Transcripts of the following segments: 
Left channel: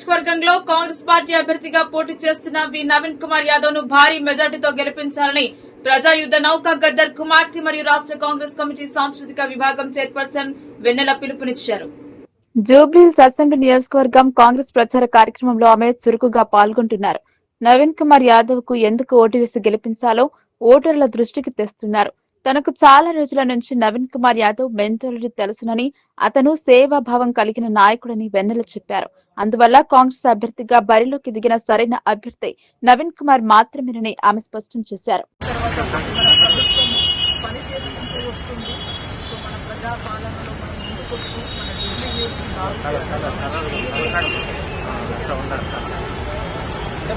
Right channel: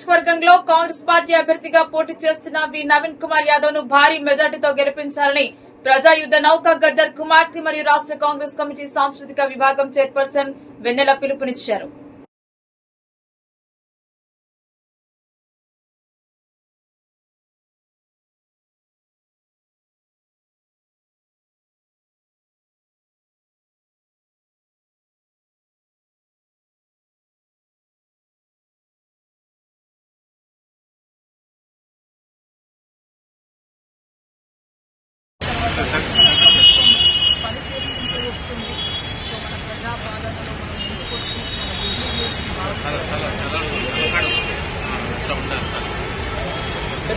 నియోజకవర్గంలో కాంగ్రెస్ పార్టీ అభ్యర్థిగా పోటీ చేస్తున్న వి నవీన్ కుమార్ యాదవ్ను భారీ మెజార్టీతో గెలిపించాలని ప్రజాయుద్ద నౌక గద్దర్ కుమార్తె మరియు రాష్ట్ర కాంగ్రెస్ కమిటీ సాంస్కృతిక విభాగం చైర్పర్సన్ వెన్నెల పిలుపునిచ్చారు. జూబ్లీహిల్స్ అసెంబ్లీ నియోజకవర్గం కాంగ్రెస్ ప్రచార కార్యక్రమంలో ఆమె చురుకుగా పాల్గొంటున్నారు. నవీన్ కుమార్ యాదవ్కు ఎందుకు ఓటు వేసి గెలిపించాలో ఓటర్ల దృష్టికి తెస్తున్నారు. తనకు చాలా రోజుల నుంచి నవీన్ కుమార్ యాదవ్ మెంటాలిటీ తెలుసునని అతను సేవాభావం కలిగిన నాయకుడని వెన్నెల చెప్పారు. అందువల్ల కాంగ్రెస్ అభ్యర్థిగా బరిలోకి దిగిన సరైన అభ్యర్థి నవీన్ కుమార్ మాత్రమేనని ఆమె స్పష్టం చేశారు.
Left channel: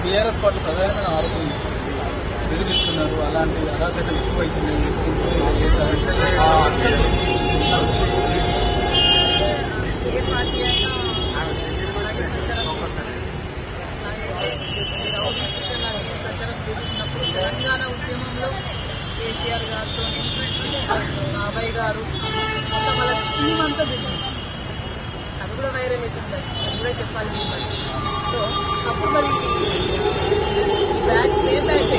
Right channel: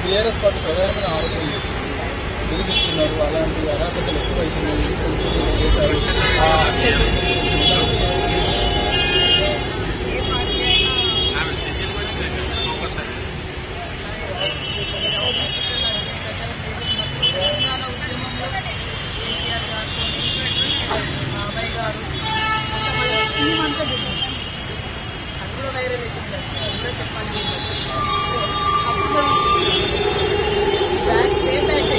బీఆర్ఎస్ పార్టీ ఆరోపణలు అలాంటి అరాచకలు ఎక్కువైతున్నాయి తీసుకుంటూ ఏ పార్టీ అయినా ప్రచారం చేస్తున్నప్పుడు తెలంగాణ ఉద్యమంలో కేసీఆర్ గారితో బాబాయ్ గారు మొత్తం వాళ్ళ టీం అంతా దిగింది అది కూడా వైరల్ అవుతుంది. అది కూడా చెప్పాలి మీరు. బట్టి సో అప్పుడు మరి బ్యాగ్ సేఫ్ బ్యాగ్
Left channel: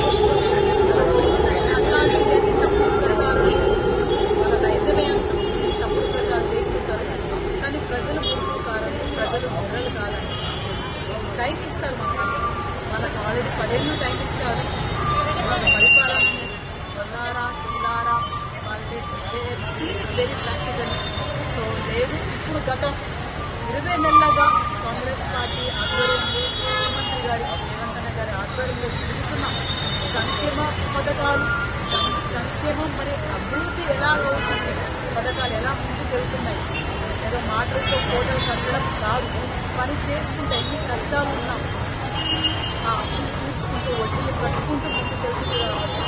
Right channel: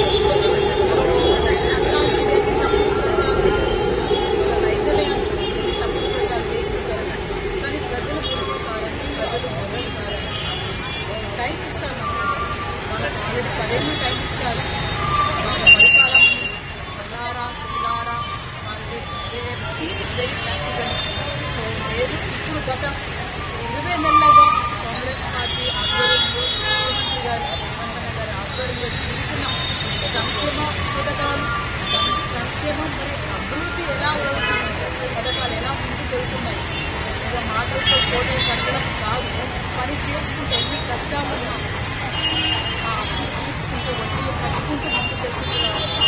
అట్లాంటి వాళ్ళ తప్పుడు చేస్తుంటారు. కానీ ప్రజలు మూర్ఖులు కారని ప్రజలు మొదలు కారని టైం ఇస్తారు మనకు వాళ్ళకి ఆల్రెడీ పదేళ్ళు టైం ఇచ్చారు. వాళ్ళ పరిపాలన బల్లారా తులారా వాళ్ళకి సీన్ వెరీ ప్రాక్టికల్ సో లేదు ఇప్పుడు గత ఇరవై నెలలుగా కాంగ్రెస్ పార్టీ ఆధ్వర్యంలో ముఖ్యమంత్రి గారి రేవంత్ గారి ఆధ్వర్యంలో జరుగుతున్న సంక్షేమ పథకాలు సం- సంక్షేమం మరి అభివృద్ధి ఎలా అవుతుంది పథకాలు ఎలా ముందుకు వెళ్తున్నాయి ఏదో మాటలతో కోటలు కట్టడం కాదు పని చేసుకుంటే ఎన్ని కష్టాలు ఉన్నా ఆ అప్పులు తీర్చుకుంటూ వడ్డీలు కట్టుకుంటూ ముందుకు వెళ్తుంది కాబట్టి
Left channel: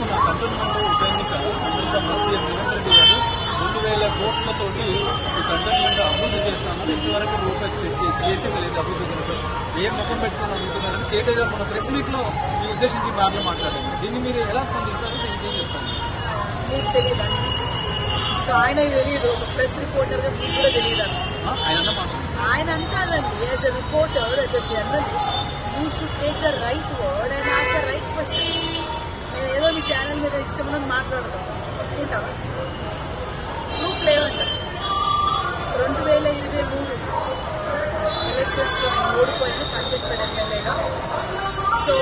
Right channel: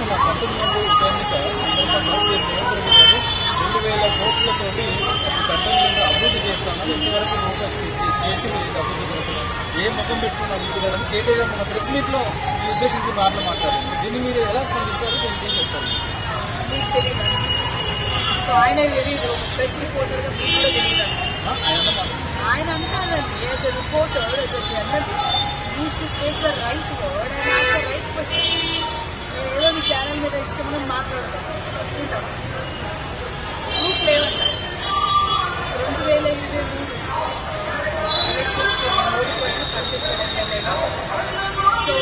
మన కంటోన్మెంట్ ఉప ఎన్నిక సందర్భంగా సీఎం రేవంత్ రెడ్డి గారు రెండు వేల కోట్లతోటి ఈ కంటోన్మెంట్ అభివృద్ధి చేస్తామని ఇంతవరకు రూపాయలు చే- చేసి వెళ్ళి అభివృద్ధి కొరకు ఏ ముఖం పెట్టుకుని అడుగుతున్నారని కేటీఆర్ గారు మన ప్రెస్ మీట్లో ఈ ఉద్దేశించి మాటలు మాట్లాడారు దీన్ని మీరు ఎలా స్పందిస్తారు దీనికి ఏం మీకు తెలియదు సో ఆయన తెలియదు ఒక ప్రెస్ రిపోర్టర్గా మీకు కూడా తెలియదు? ఆయన అంటారండి as a reporter as a journalist you should take the right word and ask the right question నేను ఏదో నీ ఛానల్ మీద ఇష్టం ఉన్నది మాట్లాడతాను. ఒప్పుకుంటావా ప్రూఫ్ లేవంటారు. కంటెస్టెడ్ ఎమ్మెల్యేగా సో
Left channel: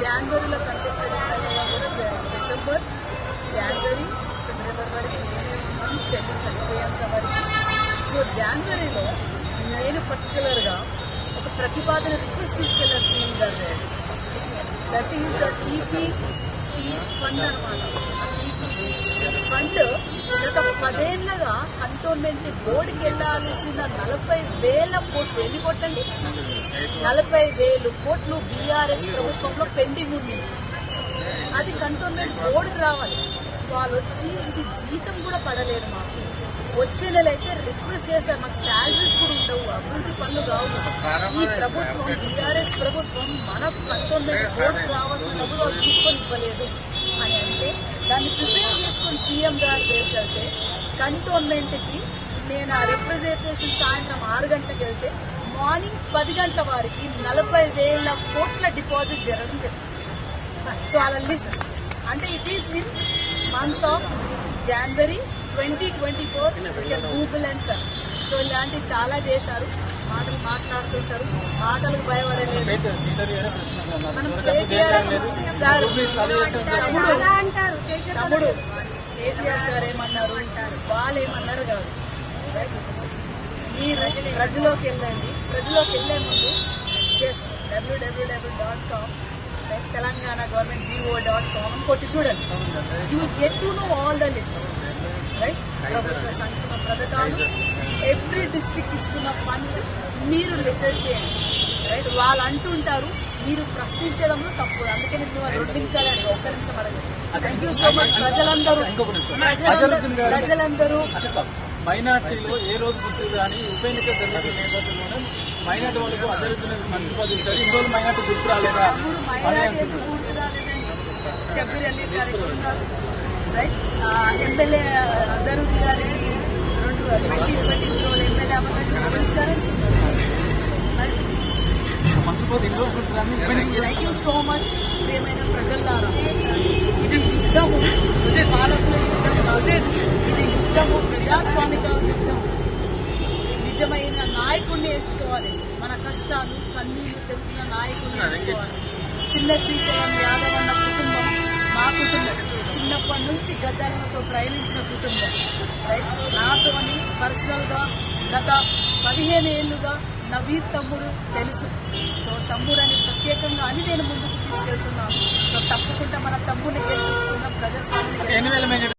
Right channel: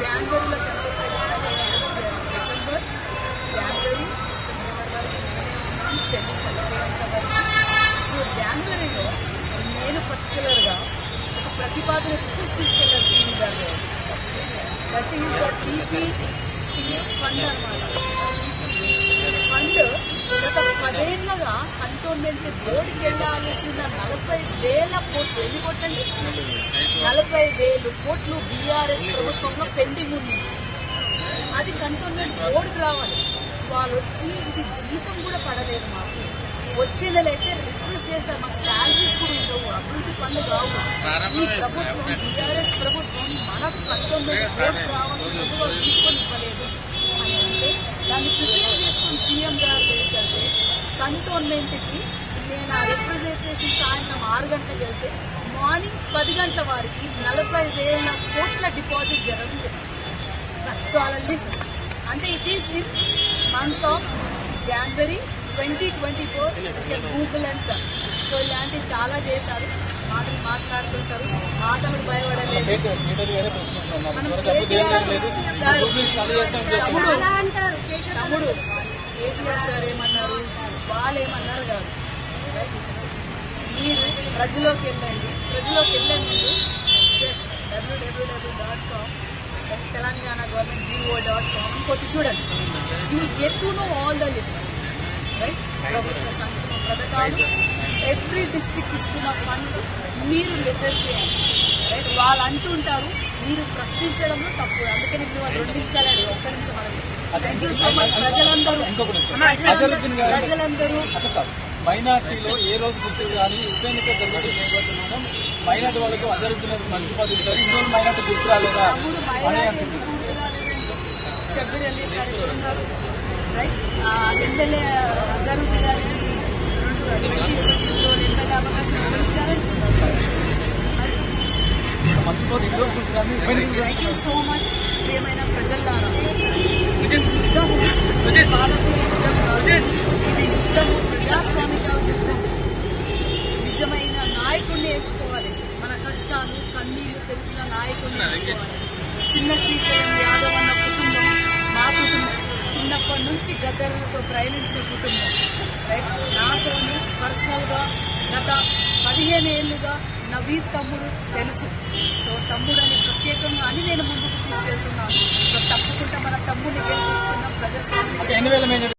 జనవరిలో కంటెస్టెడ్ ఎమ్మెల్యేగా కూడా డిసెంబర్ జనవరి ఫిబ్రవరి వరకు నేనే ఉన్నాను చెల్లి చనిపోయేంత వరకు. సో జనవరిలో నేను పర్టికులర్గా ఒక ప్రతిపాదన రిక్వెస్ట్ తీసుకెళ్ళాను సీఎం గారు. దట్ ఈస్ ద ఫండ్ అనమాట. ఫండ్ గత పదేళ్ళగా కంటోన్మెంట్ బోర్డుకి వెళ్ళాల్సిన నలభై వేల కోట్లు. ఎన్ని కొట్టండి నలభై వేలు కోట్లు బీఆర్ఎస్ ప్రభుత్వంలో పెండింగ్ ఉంది. అది కంటోన్మెంట్ బోర్డుకి రావాలి. వాళ్ళు వచ్చి ఇది జీతం కూడా పడలేదు మాకు. వచ్చే నెల అయితే రిక్వెస్ట్ చేస్తారు మాకు శాలరీస్ కూడా ఉండవు అభివృద్ధి పనులు కావు ఈ ప్రభుత్వం బీఆర్ఎస్ ప్రభుత్వం మన కంటోన్మెంట్ బోర్డుకి రావాల్సిన డబ్బులు వాళ్ళు తీసుకొని ఇవ్వలేదు. అని అంటే దాన్ని ప్రిపేర్ చేసుకొని సీఎం గారు వెళ్తే కంటోన్మెంట్కి నేను ఆ రిప్రజెంటేషన్ సాయంత్రం ఆరు గంటలకు వెళ్తే మార్నింగ్ పది గంటల వారికి నలభై వేల కోట్ల డిపాజిట్ జరగడం జరిగింది సో అలా లిస్ట్. అంటే it is in month of January twenty twenty four Google and sir so ఇలాంటివి చాలా చేశారు. మాటలు మాట్లాడుతుంటారు. మాటలకు భయపడలేదు. మనం కేటీఆర్ సార్ తమ్ముడు తమ్ముడు కేటీఆర్ సార్ ఏమన్నారు? వాళ్ళు ఏమన్నారు కాదు? మీరు ప్రజలోకి వెళ్ళండి. ప్రజలోకి వెళ్ళే ముందు yes W W W dot com Telangana government GO dot com కొట్టి చూడండి. You get to know all the list right ప్రభుత్వ సంక్షేమ పథకాలు. ఎవ్రీ డిస్టిక్ ఇస్తున్న ఫండ్స్ మీరు రీసెర్చ్ చేయండి. రైట్ వాళ్ళు అంటుంటారు మీరు ప్రశ్నించడంలో తప్పు. అందుకే నేను వాళ్ళు రెండు నిమిషాలు అడిగా ఒక్క నిమిషం అడగండి. థ్యాంక్ యూ సో మచ్ ప్రజలందరూ. ప్రజలందరూ అంటే. మైనార్టీలో ఏ రోజు గుర్తు కానీ ఉప ఎన్నిక జరుగుతున్న నేపథ్యంలో మైనార్టీ వాళ్ళకు అజరుద్దున మంత్రి పదవి ఇచ్చారు. ఇన్ని రోజులు మైనార్టీ గుర్తు రాలేదా? షబ్బీర్ అలీ ఉన్నారు? రైట్ ఎమ్మెల్యే అజరుద్దీ గారికి రెండు ట్వంటీ ట్వంటీ ఎమ్మెల్యే అవకాశం ఎవరిచ్చారని మరి థ్యాంక్ యూ సో మచ్ ప్రియమైన ప్రజల్లారా ఇది యుద్ధము ఇది పాలకుల యుద్ధం కాదు ఇది యుద్ధము ప్రజాస్వామిక యుద్ధం నిజమైన నాయకుడిని ఎంచుకోవాలి మన కష్టాలు కన్నీళ్ళు తెలిసిన నాయకుడిని ఎంచుకోవాలి చిన్న శ్రీశైలం యాదవ్ అన్న కుటుంబం మా కుటుంబం చిన్నప్పటి నుంచి గద్దలతో ప్రయాణించిన కుటుంబం. రైట్ నాతోని పర్సనల్గా గత పదిహేను ఏళ్ళుగా నవీర్ తమ్ముడు తెలుసు. సో తమ్ముడని ప్రత్యేకంగా అని నేను ముందుకు తీసుకెళ్తున్నాను. సో తప్పకుండా మన తమ్ముడిని గెలిపించుకుందాం ప్రజాస్వామిని